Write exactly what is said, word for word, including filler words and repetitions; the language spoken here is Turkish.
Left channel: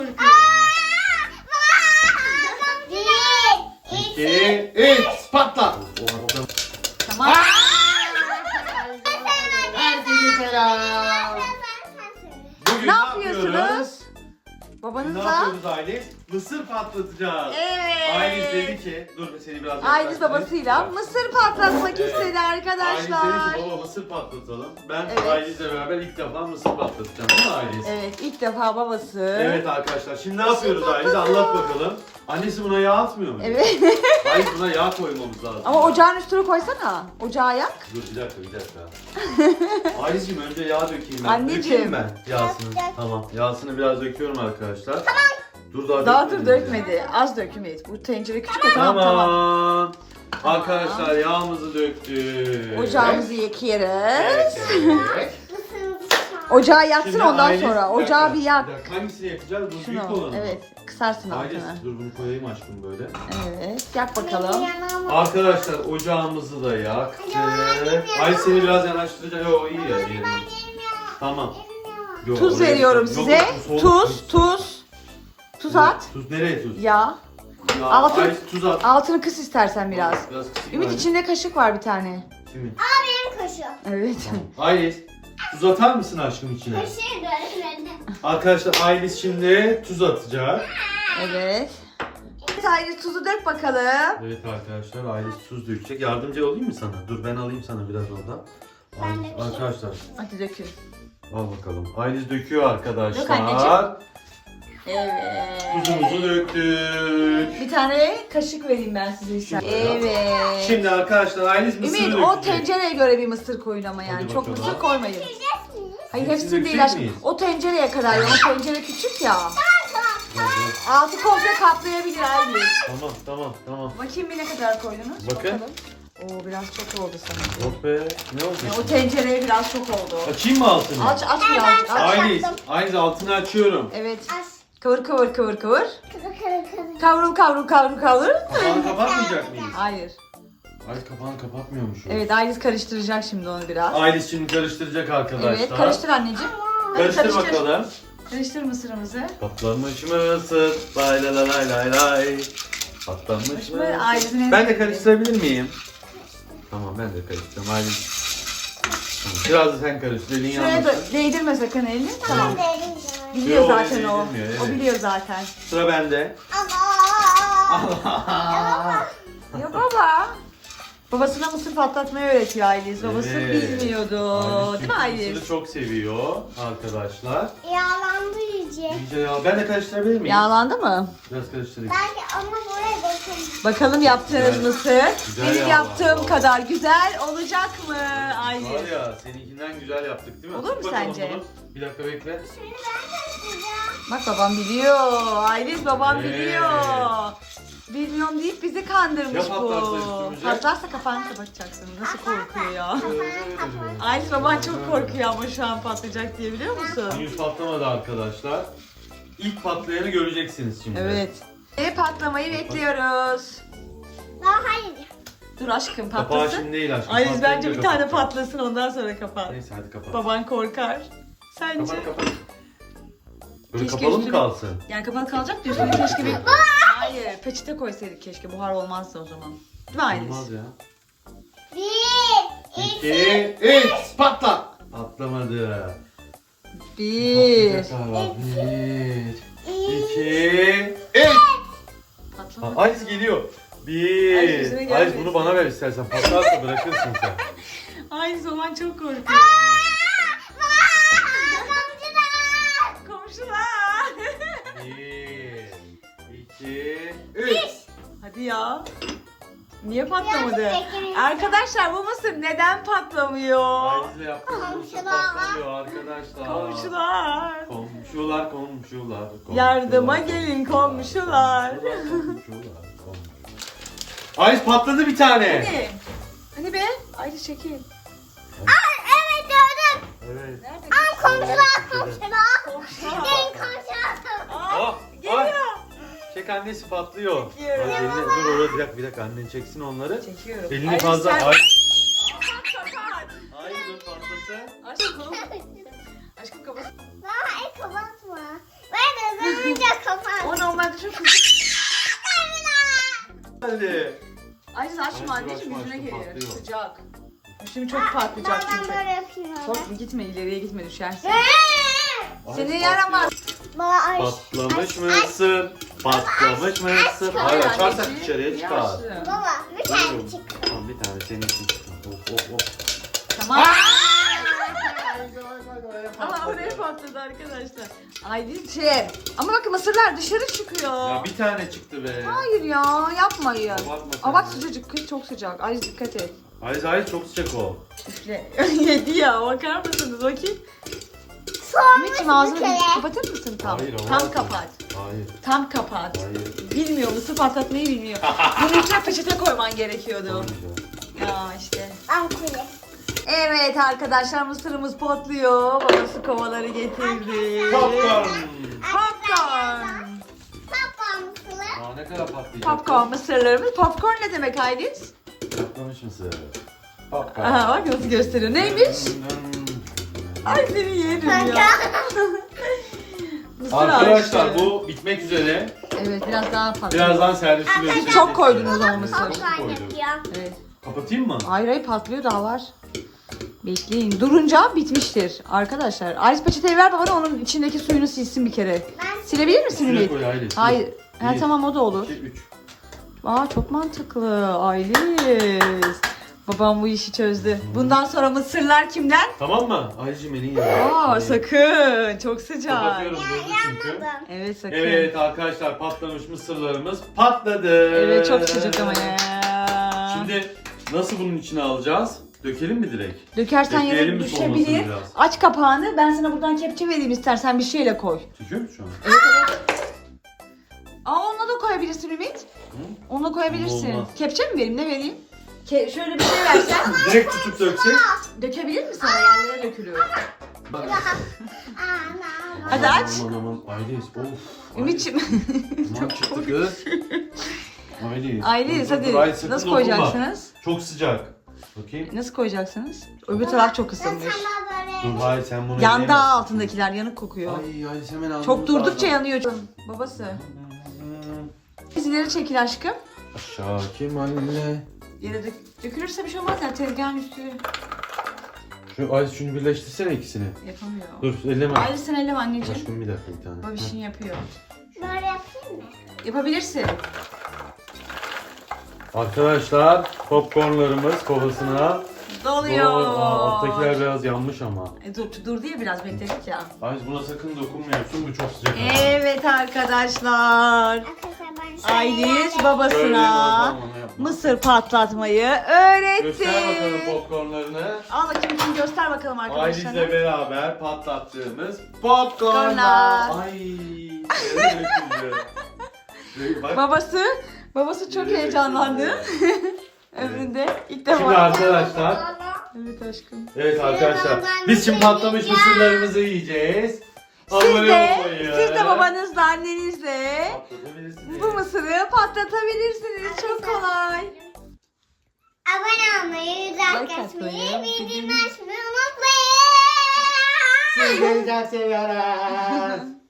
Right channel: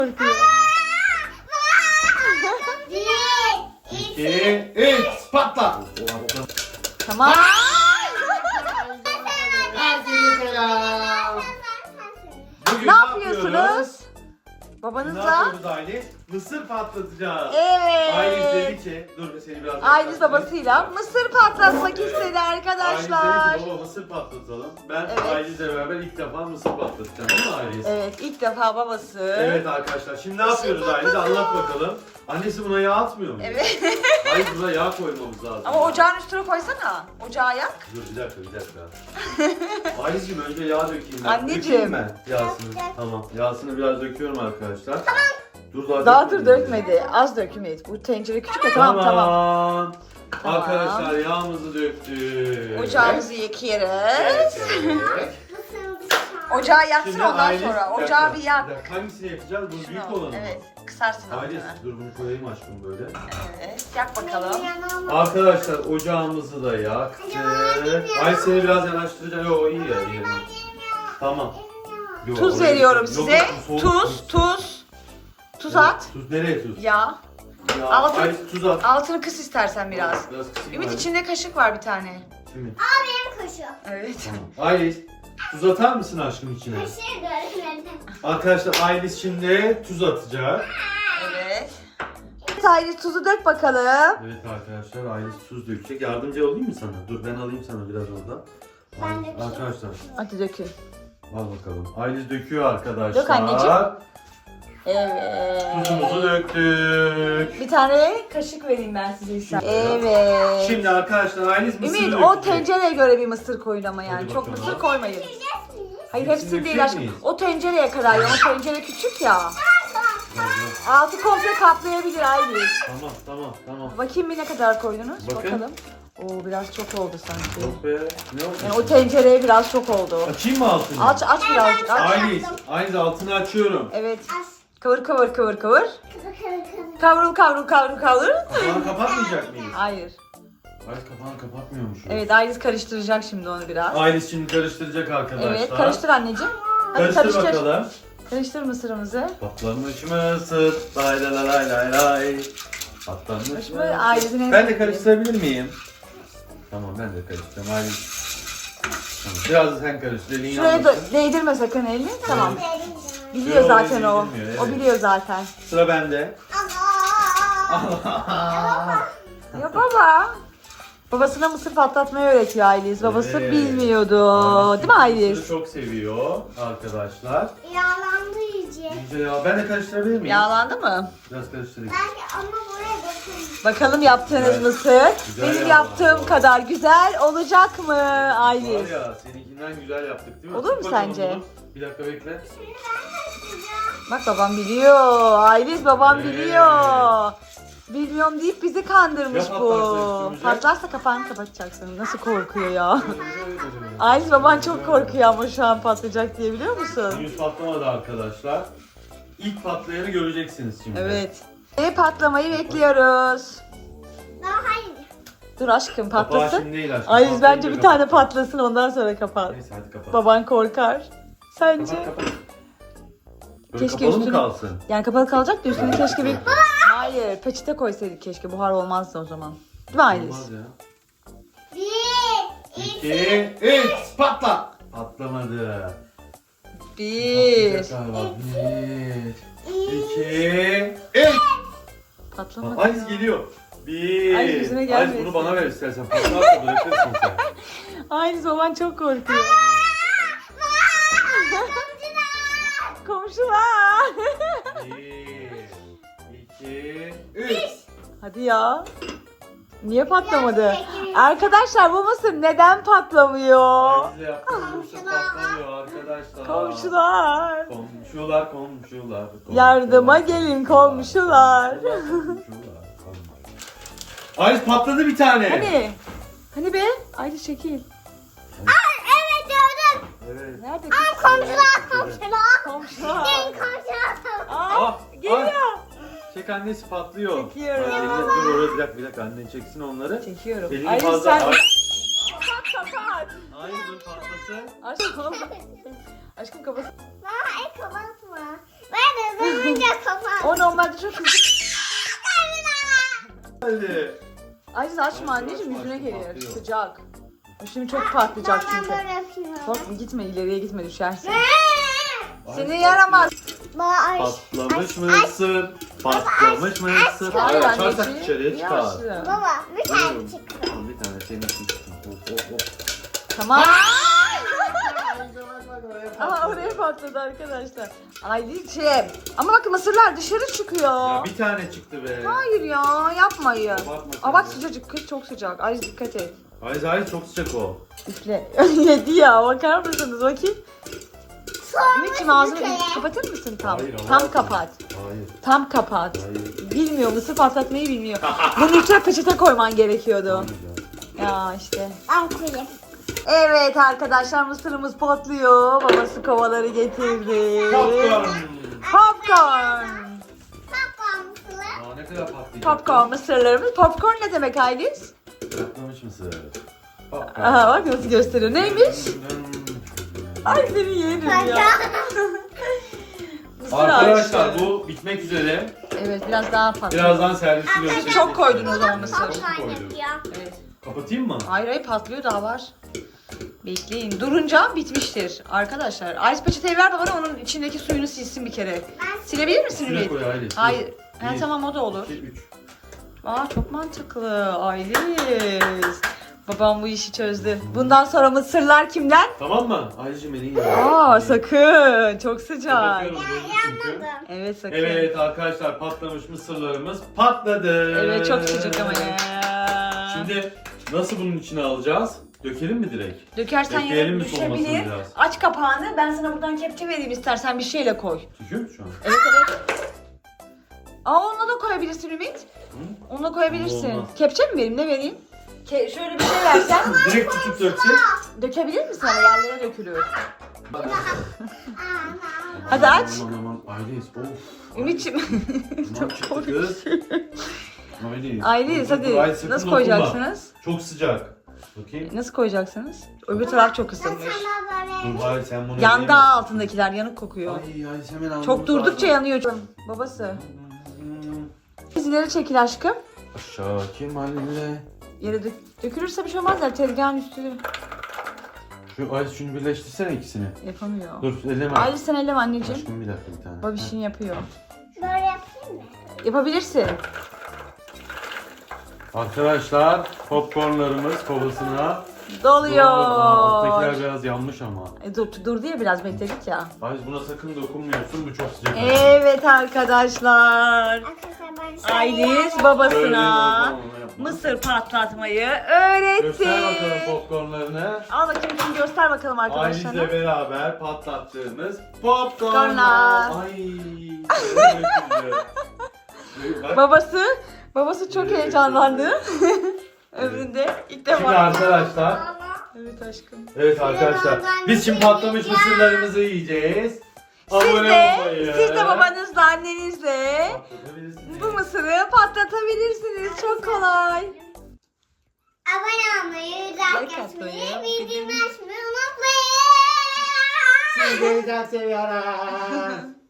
İki, üç, patla. Tamam. Herkese selam. Bugün Ne yapıyorsunuz? Ne Babanızla? yapıyoruz Ailiz? Mısır patlatacağız. Evet. Ailiz dedi ki, dur seni biraz Ailiz yaklaştırayım. babasıyla mısır patlatmak Evet. istedi Ailiz arkadaşlar. dedi ki baba mısır patlatalım. Ben Evet. Ailiz'le beraber ilk defa mısır patlatacağım değil mi Ailiz? Evet, ilk defa babası. Evet arkadaşlar, şimdi ne yapıyoruz Ailiz? Anlat bakalım. Annesi buna yağ atmıyor mu? Evet. Ailiz buna yağ koymamız lazım. Ama ocağın üstüne koysana. Ocağı yak. Dur bir dakika bir dakika. Ailizciğim önce yağ dökeyim ben. Anneciğim. Dökeyim ben yağsını. Tamam. Yağsını biraz döküyorum arkadaşlar. Tamam. Dur daha Daha dur dökmedim dökmedi. Az dökmedi. Bu tencere küçük ya. Tamam. Tamam tamam. Tamam. Arkadaşlar yağımızı döktük. Ocağımızı yakıyoruz. Evet, evet. Ocağı yaksın Şimdi ondan Ailiz- sonra. bir dakika, Ocağı bir yak. bir dakika. Hangisini yakacağız? Bu büyük Şunu. olanı mı? Evet. Kısarsın Ailiz altını. dur bunu koyayım aşkım böyle. Evet. Yak bakalım. Arkadaşlar ocağımızı da yaktık. Ay seni biraz yanaştıracağım. Yo iyi ya. iyi. Tamam. Yo, Tuz oraya- veriyorum Yok, size. yok, bu soğuk Tuz, tuz. Tuz at. Tuz nereye tuz? Ya. Ya, Altın- Ay, tuz at. Altını kıs istersen biraz. Biraz kısayım Ümit Ailiz. içinde kaşık var bir tane. Şimdi. Evet. Tamam. Ailiz tuz atar mısın aşkım içine? Arkadaşlar Ailiz şimdi tuz atacak. Evet. Evet Ailiz tuzu dök bakalım. Evet arkadaşlar Ailiz tuz dökecek. Yardımcı olayım mı sana? Dur ben alayım sana biraz orada. Ben Ay- dökeyim. Arkadaşlar Hadi dökün. al bakalım. Ailiz döküyor arkadaşlar. Dök anneciğim. Evet. Tuzumuzu döktük. Bir tane kaşık vereyim ben size istersen. Evet. Şimdi arkadaşlar Ailiz mısır Ümit dökecek. o tencereye göre bir mısır koyun ama yani. Hadi Çok bakalım. mısır koymayın. Hayır Hepsini hepsini değil dökecek aşkım. miyiz? O tencereye kadar ya. O tencere küçük ya. Dur, dur. Altı komple kaplayabilir Ailiz. Tamam tamam tamam. Bakayım bir ne kadar koydunuz? Bakın. Bakalım. Oo biraz çok oldu sanki. Yok be. Ne oldu? Yani o tencereye biraz çok oldu. Açayım mı altını? Aç aç birazcık aç. Ailiz, Ailiz altını açıyorum. Evet. Kıvır kıvır kıvır kıvır. Kavrul kavrul kavrul kavrul. Kapağını kapatmayacak mıyız? Hayır. Ailiz kapağını kapatmıyormuş. o. Evet Ailiz karıştıracak şimdi onu biraz. Ailiz şimdi karıştıracak arkadaşlar. Evet karıştır anneciğim. Hadi Karıştır karıştır. bakalım. Karıştır mısırımızı. Patlamış mısır. Lay lay lay lay lay. Patlamış Hoş mu? mısır. Ailizin en Ben de sevdiği. karıştırabilir miyim? Tamam ben de karıştıracağım Ailiz. Tamam, biraz da sen karıştır. Elin Şuraya da yanmasın. değdirme sakın elini. Tamam. Biliyor Yo, zaten o. değdirmiyor, O evet. biliyor zaten. Sıra bende. Allah. Ya baba. Babasına mısır patlatmayı öğretiyor Ailiz. Babası Evet. bilmiyordu. Ailiz Değil mi Ailiz? mısırı çok seviyor arkadaşlar. Yağlandı iyice. İyice ya. Ben de karıştırabilir miyim? Yağlandı mı? Biraz karıştırayım. Belki ama buraya bakın. Bakalım yaptığınız Güzel. mısır Güzel benim yağlandı. yaptığım kadar güzel olacak mı Var Ailiz? ya seninkinden güzel yaptık değil mi? Olur mu Tut bakalım sence? bunu. Bir dakika bekle. Bak babam biliyor. Ailiz babam Evet. biliyor. Bilmiyorum deyip bizi kandırmış Ya bu. patlarsa üstümüze? Patlarsa kapağını kapatacaksın. Nasıl korkuyor ya. Ailiz baban çok korkuyor ama şu an patlayacak diye biliyor musun? Henüz patlamadı arkadaşlar. İlk patlayanı göreceksiniz şimdi. Evet. Ve patlamayı bekliyoruz. Daha hayır. Dur aşkım Kapağı patlasın. şimdi değil aşkım. Ailiz Patlayınca bence bir kapat. tane patlasın ondan sonra kapat. Neyse hadi kapat. Baban korkar. Sence? Kapat kapat. Böyle Keşke kapalı mı üstünü- kalsın? Yani kapalı kalacak da üstüne keşke bir... Hayır peçete koysaydık keşke buhar olmazdı o zaman. Değil mi Ailiz? Olmaz ya. Bir, iki, İki, üç, patla. Patlamadı. Bir. Patlayacak galiba. Bir, iki, üç. Patlamadı. Ailiz geliyor. Bir. Ay, yüzüne Ailiz gelmesin. bunu bana ver istersen. Patlarsa bırakırsın sen. Ailiz baban çok korkuyor. Komşular. Bir, iki, üç. Hadi ya. Niye patlamadı? Arkadaşlar bu mısır neden patlamıyor? Ailizle yaptığımız mısır patlamıyor arkadaşlar. Komşular. Komşular, komşular. komşular. Yardıma gelin komşular. Komşular, komşular. Ailiz patladı bir tane. Hani? Hani be? Ailiz çekil. evet gördüm. Evet. Nerede? Komşular, komşular. Komşular. Gelin komşular. Aa, Ah, geliyor. Çek annesi patlıyor. Çekiyorum. Ay, elini, dur orada bir dakika bir dakika annen çeksin onları. Çekiyorum. Elini Ailiz fazla. sen- Ay, Kapat kapat. ay dur patlasın. Aşkım. Aşkım kapat. Ay kapatma. Ben de Oyuncak kafa. O normalde çok küçük. Hadi. Aziz açma Açma, anneciğim, açma, yüzüne açma, gelir. patlıyor. Sıcak. Şimdi çok patlayacak Ben çünkü. böyle yapıyorum. Çok gitme, ileriye gitme, düşersin. Ee, Seni Ay, yaramaz. baba, ay. Patlamış mısır. Patlamış mısır. Hayır Açarsak anneciğim. dışarıya çıkar. Yaşlı. Baba bir tane çık. Tamam, bir tane senin için. Oh, oh, oh. Tamam. Aha oraya patladı arkadaşlar. Aylin'ciğim. Ama bakın mısırlar dışarı çıkıyor. Ya bir tane çıktı be. Hayır ya, yapmayın. Abartma sen Aa bak de. sıcacık, kız çok sıcak. Ay dikkat et. Ay ay çok sıcak o. Üfle. Yedi ya, bakar mısınız bakayım. Ümit'ciğim ağzını bir kere. bir kapatır mısın tam? Hayır, tam olmaz. kapat. Hayır. Tam kapat. Hayır. Bilmiyor, mısır patlatmayı bilmiyor. Bunu ilk peçete koyman gerekiyordu. Olmayacak. Ya işte. Ampule. Evet arkadaşlar, mısırımız patlıyor. Babası kovaları getirdi. Popcorn. Popcorn. Patlamışlar. Aa, ne kadar patlayacak? Popcorn mısırlarımız. Popcorn ne demek Aylin? Patlamış mısır. Popcorn. Aha bak nasıl gösteriyor. Neymiş? Ay seni yerim ya. Mısır Arkadaşlar ağaçları. bu bitmek üzere. Evet biraz daha fazla. Birazdan servisi göstereceğiz. Çok koydunuz ama mısır. Çok Popcorn koydum. yapıyor. Evet. Kapatayım mı? Hayır hayır, patlıyor, daha var. Bekleyin. Durunca bitmiştir arkadaşlar. Ice peçeteyi ver bana, onun içindeki suyunu silsin bir kere. Silebilir misin Üstüne Ümit? koy Aylin. Hayır. Ha Bir, tamam, o da olur. iki, üç. Aa çok mantıklı. Ayliz. Babam bu işi çözdü. Bundan sonra mısırlar kimden? Tamam mı? Aycım beni yiyor. Aa sakın. Çok sıcak. Kapatıyorum durdu çünkü. Yanmadım. Evet sakın. Evet arkadaşlar, patlamış mısırlarımız patladı. Evet, çok sıcak ama ya. Şimdi nasıl bunun içine alacağız? Dökelim mi direkt? Dökersen Bekleyelim yine mi soğumasını düşebilir. biraz? Aç kapağını. Ben sana buradan kepçe vereyim, istersen bir şeyle koy. Düşüyor mu şu an? Evet evet. Aa onunla da koyabilirsin Ümit. Hı? Onunla koyabilirsin. Olmaz. Kepçe mi vereyim, ne vereyim? Ke- şöyle bir şey versen Direkt tutup döksek. dökebilir misin? Sana yerlere dökülür. Bak. Ana. Hadi aç. Aman aman Ayliz. Of. Ümit'ciğim. Aman çıktı kız. Ayliz. Ayliz Dur, dur, dur. hadi Ay, sakın nasıl dokunma. koyacaksınız? Çok sıcak. Bakayım. Nasıl koyacaksınız? Öbür taraf çok Ben ısınmış. sana böyle. Dur bari sen bunu Yandı yiyemezsin. altındakiler, yanık kokuyor. Ay Ayliz hemen almamız Çok durdukça lazım. yanıyor canım. Babası. Biz ileri çekil aşkım. Aşağı Kemal'le. Yere dök dökülürse bir şey olmaz ya, tezgahın üstü Şu Ayliz şunu birleştirsene ikisini. yapamıyor. Dur elleme. Ayrıca sen elleme anneciğim. Aşkım bir dakika bir tane. Babişin yapıyor. Böyle yapayım mı? Yapabilirsin. Arkadaşlar popcornlarımız kovasına Doluyor. Aa, alttakiler biraz yanmış ama. E, dur, dur diye biraz bekledik ya. Ayliz buna sakın dokunmuyorsun, bu çok sıcak. Evet arkadaşlar. Arkadaşlar ben şöyle Ayliz yapayım. babasına mısır patlatmayı öğretti. Göster bakalım popcornlarını. Al bakayım, şimdi göster bakalım Ailizle arkadaşlarına. beraber patlattığımız popcornlar. Popcornlar. Ay. öyle döküldü. Bak. Babası, babası çok Evet, heyecanlandı. Ömründe ilk Şimdi defa. arkadaşlar, Evet aşkım. evet arkadaşlar, biz şimdi patlamış mısırlarımızı yiyeceğiz. Siz Abone de, olmayı. siz de babanızla, annenizle Patlatabilirsiniz. bu mısırı patlatabilirsiniz. Çok kolay. Abone olmayı, Like like atmayı, atmayı, bildirim- bildirim açmayı unutmayın. Sizleri çok seviyorum.